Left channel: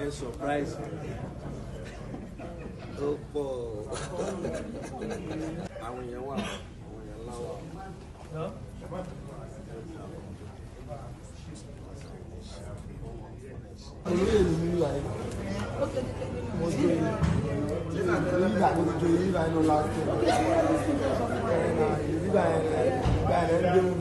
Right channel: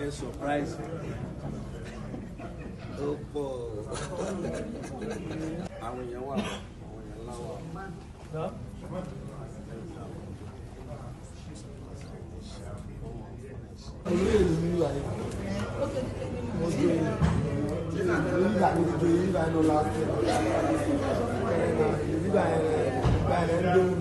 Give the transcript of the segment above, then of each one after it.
A surprise. Oh, boy. Àwọn èèyàn wà, àwọn èèyàn ńlá wà. Olóyè ni mi wà yìí. Mo gbé nígbà mo ti gbé nígbà yẹn lọ láti nígbà yẹn ń gbé mi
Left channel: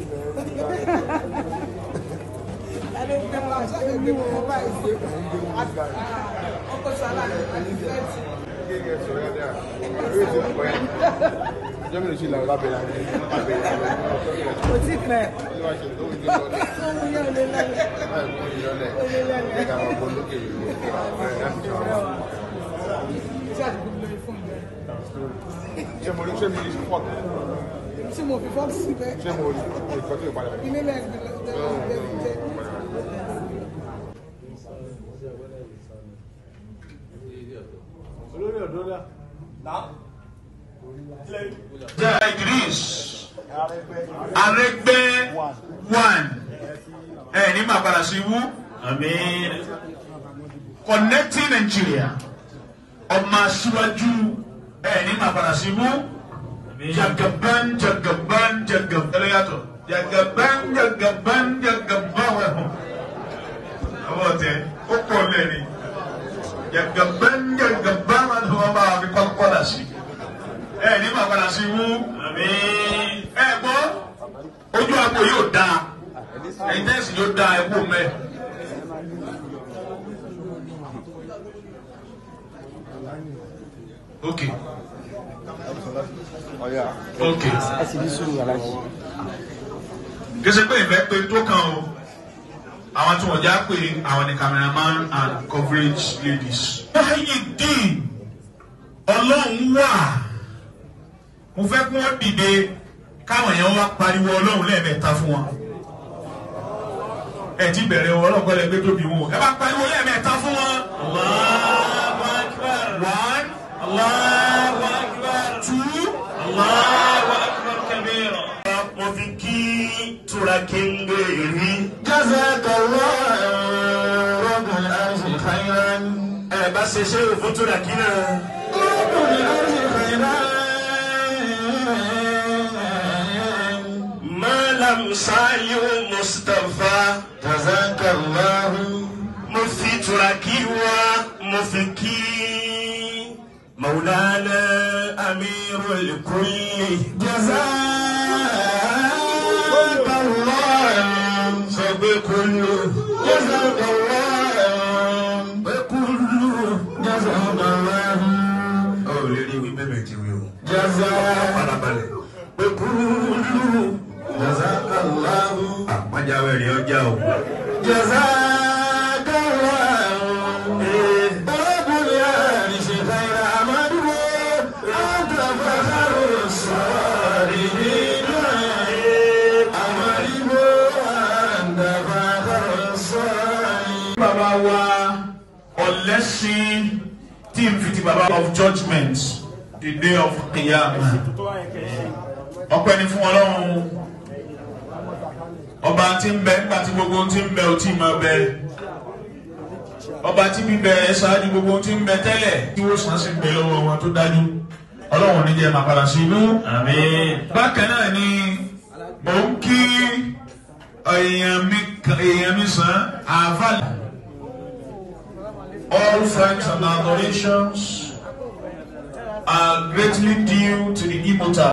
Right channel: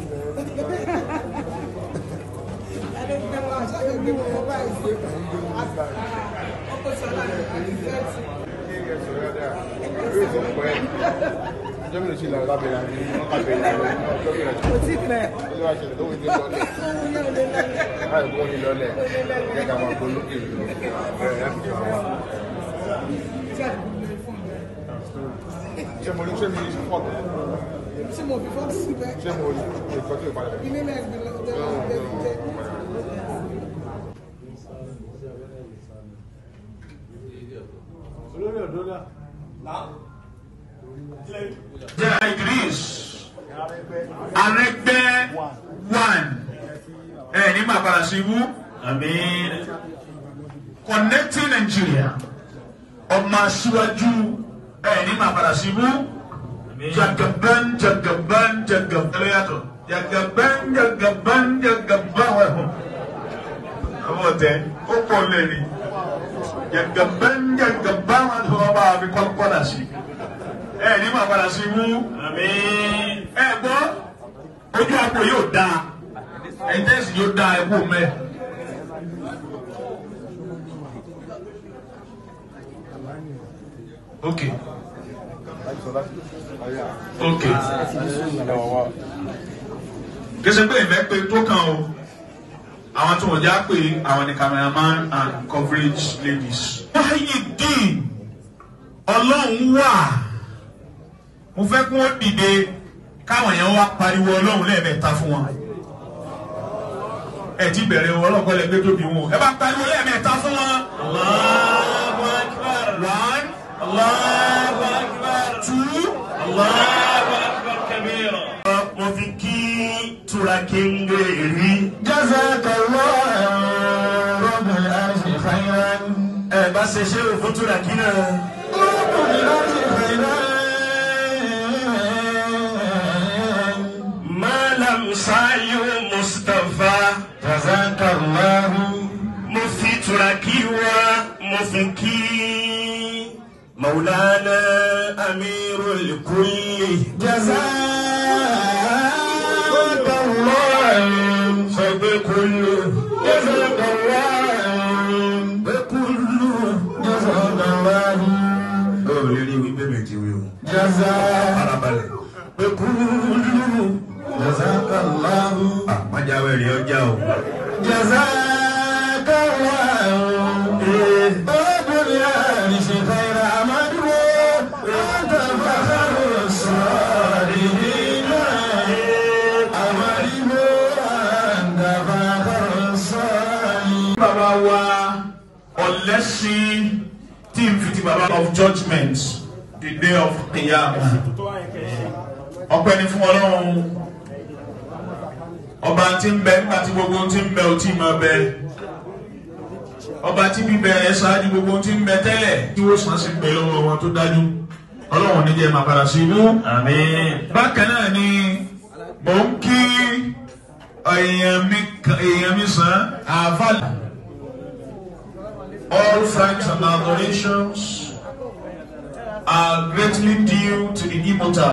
Idris Aregbe 1 ní màkàrà sí wú Connecting Nigeria ọmọ aṣíwájú ní màkàrà sí wú Jagaban ẹlẹ́yàtọ̀ Jagaban wẹ̀hùn àwọn ọ̀tẹ̀ ó pọ̀ lẹ́ni Jagaban wọn tó wọ́n bá fi kọ́lá sí ní màkàrà sí wú gbọ́ ojú àpò yóò dáa ẹ̀ńtẹ́sì yóò dáa ẹ̀kú mẹ́. Okay. Kìsì pé ìfẹ́ pé tó kàn o àwọn tí wọ́n já pé àwọn ni cameraman and coverage ladies. Wáyé dín ọlọ́run wà mo fẹ́ kí wọ́n dìde káwọn èèyàn wá pariwo ọlọ́run lẹ́ẹ̀mẹ́ta fún wọn. Ẹ ti bẹ̀rẹ̀ ọlọ́run kọ́lẹ̀ gbé tóbi wọn. Ẹ bá pariwo lẹ́ẹ̀mẹ́ta fún wọn. Allahu Akbar. 1 Allahu Akbar. 2 Allahu Akbar kabira. Mo fi kí Turakinge rí. Jazakallahu rabbul arshi khairan. Ẹ bá ṣe ṣe òfin Turakina. Rabbul arshi khairan. Sayu Mustafa Jazakallahu Mufti Turakiwa Mufiki Maulana Amirul Kulli Jazakallahu Sabikullu Jazakallahu Bekullu Jazakallahu Oh, really, we bebe tiwe Jazakallahu Bekullu Jazakallahu Majawe ọjà o. Jazakallahu Babul Arshi khaira amadu anta fakhrus salihin amadu anta fakhrus salihin. Baba wa ọlẹ́sìn tí n fi ti baba of judgment the day of Qiyamah. Ọpẹ́ ni fún Ọlọ́run. Ọba tí ń bẹ nígbà tí gbogbo tí ń bẹ ò tí máa bẹ ọba tí bíbẹ̀rẹ̀ ṣáájú gbogbo tí ń bẹ tẹ́lẹ̀ tí ó sàn sí pé lọ́wọ́ wọn tó dájú Ọlọ́run ní jẹ́ máa padà sí ibú. Àmín. Bákan náà ni mò ń kí èèyàn mi sàn àfàlà. All thanks and adorations are greatly due to the immortal.